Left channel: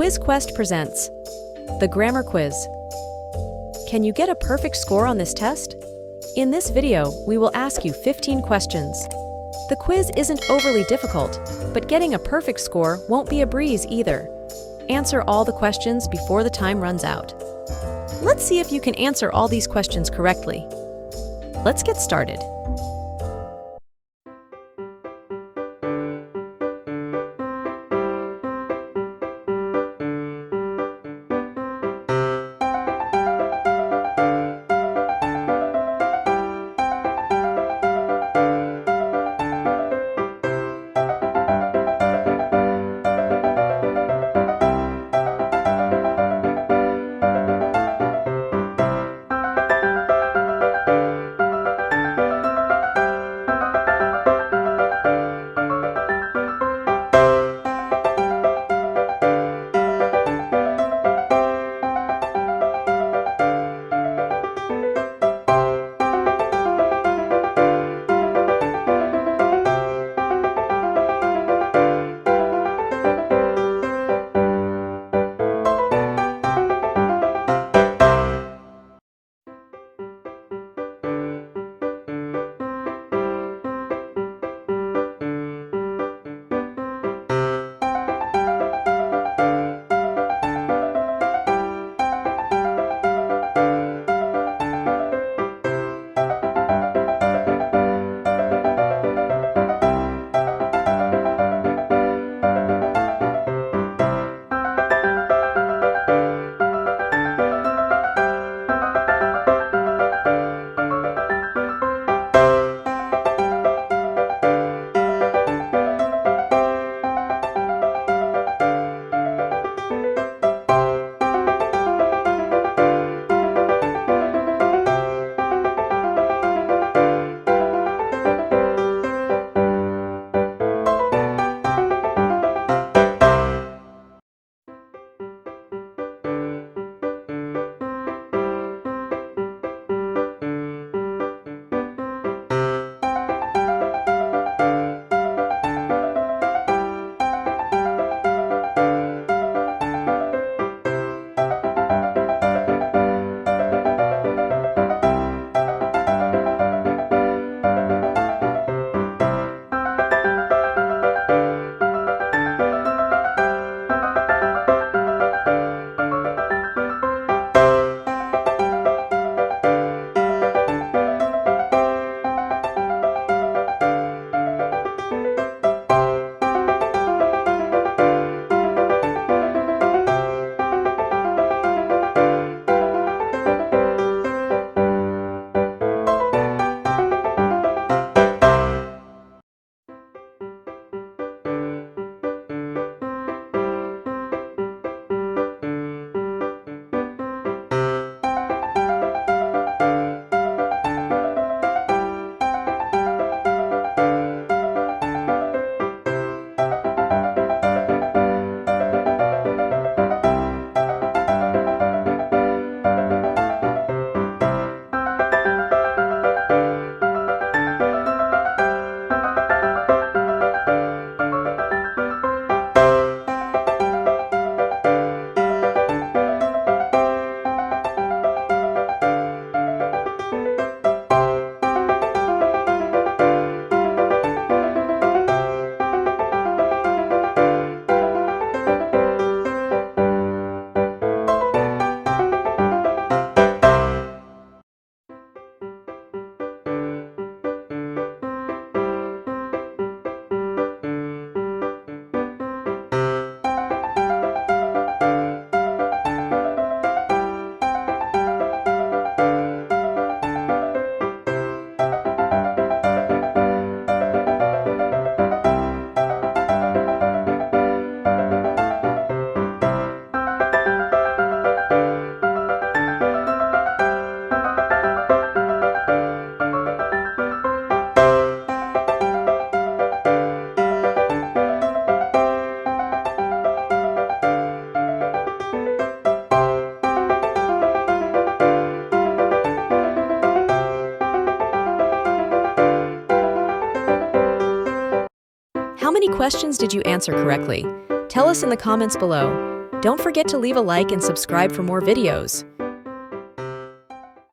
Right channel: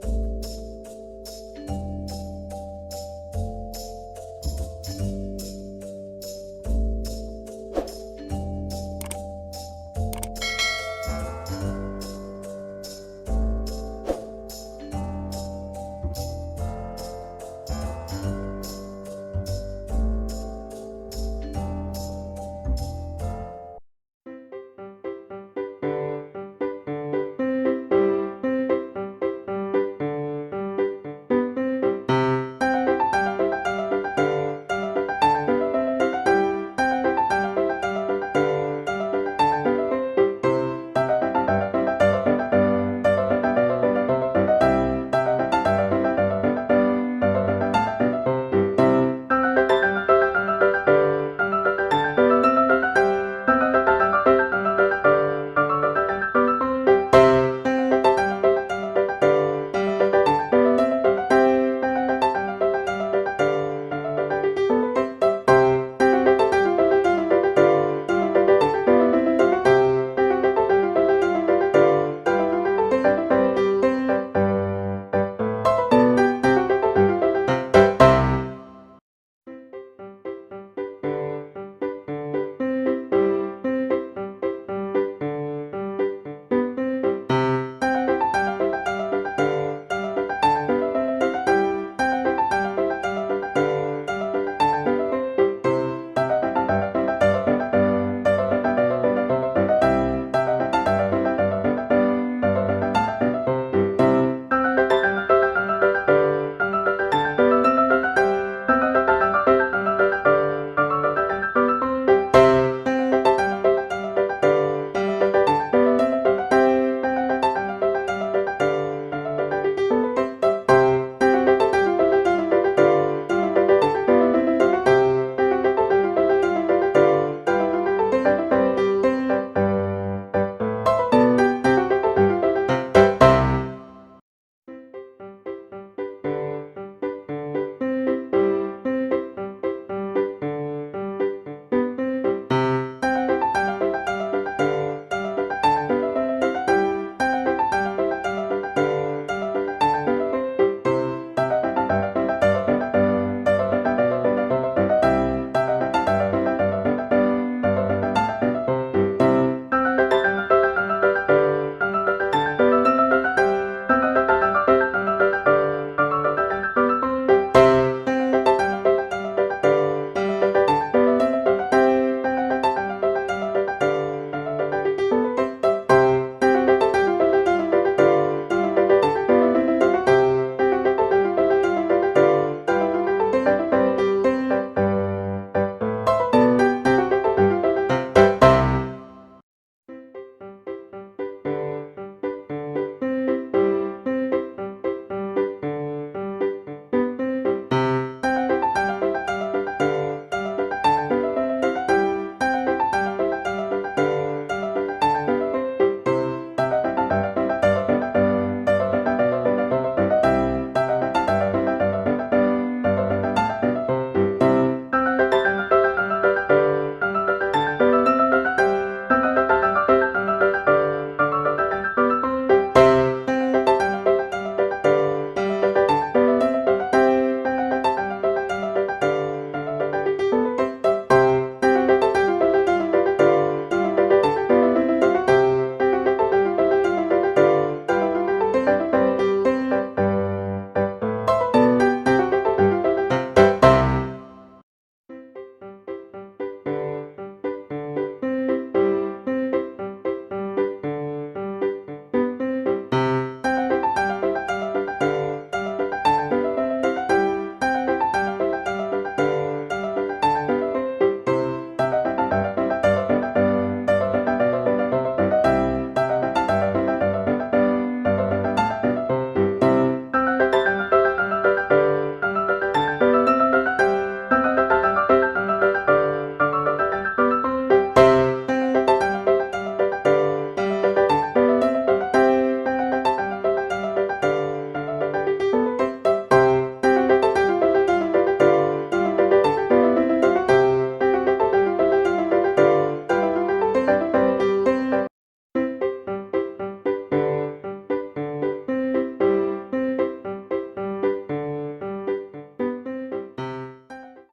Quiz Quest presents the Grammar Quiz. Can you get a perfect score on this test? In this video, we will ask you 15 questions. The quiz isn't overly difficult, but getting a perfect score won't be a breeze either. Answer all the questions before the time runs out. Let's see if you can answer all these questions correctly. Let's get started. How many questions did you answer correctly? Tell us in the comments below. Don't forget to leave a like and subscribe for more videos.